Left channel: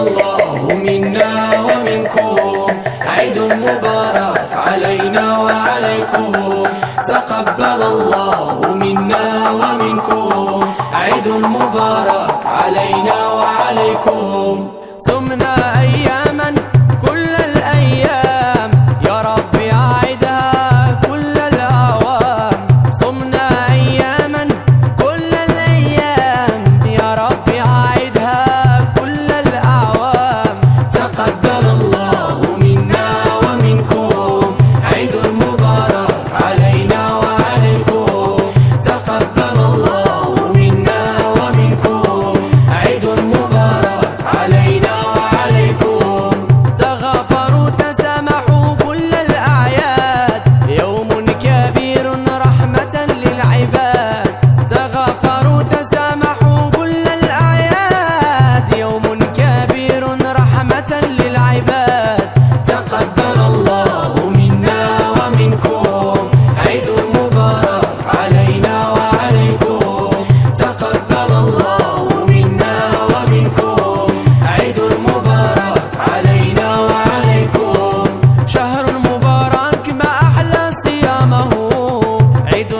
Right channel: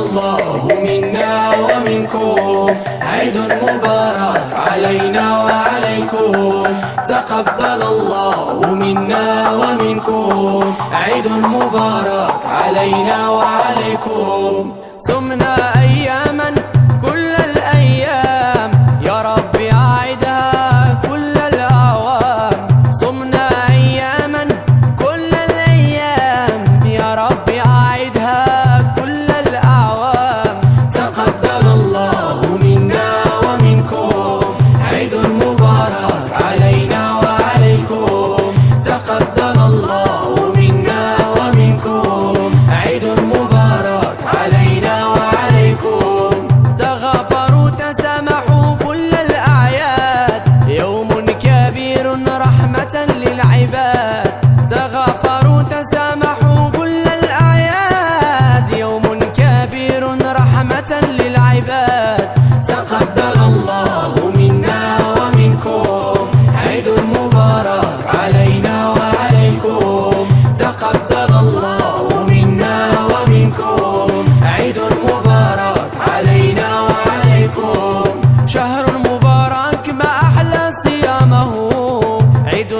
الله منا ومنكم، عيد مبارك علينا وعليكم. تقبل الله منا ومنكم، عيد مبارك علينا وعليكم. صمنا أياما كل الأيام، يا رب أعدها كل الأعوام. صمنا أياما كل الأيام، يا رب أعدها كل الأعوام. تقبل الله منا ومنكم، عيد مبارك علينا وعليكم. تقبل الله منا ومنكم، عيد مبارك علينا وعليكم. تغافروا تسامحوا كل الأعياد، يوم كبير رحمة للعباد. تغافروا تسامحوا كل الأعياد، يوم كبير رحمة للعباد. تقبل الله منا ومنكم، عيد مبارك علينا وعليكم. تقبل الله منا ومنكم، عيد مبارك علينا وعليكم. شهر مبارك ما أحلى صيامه، عيد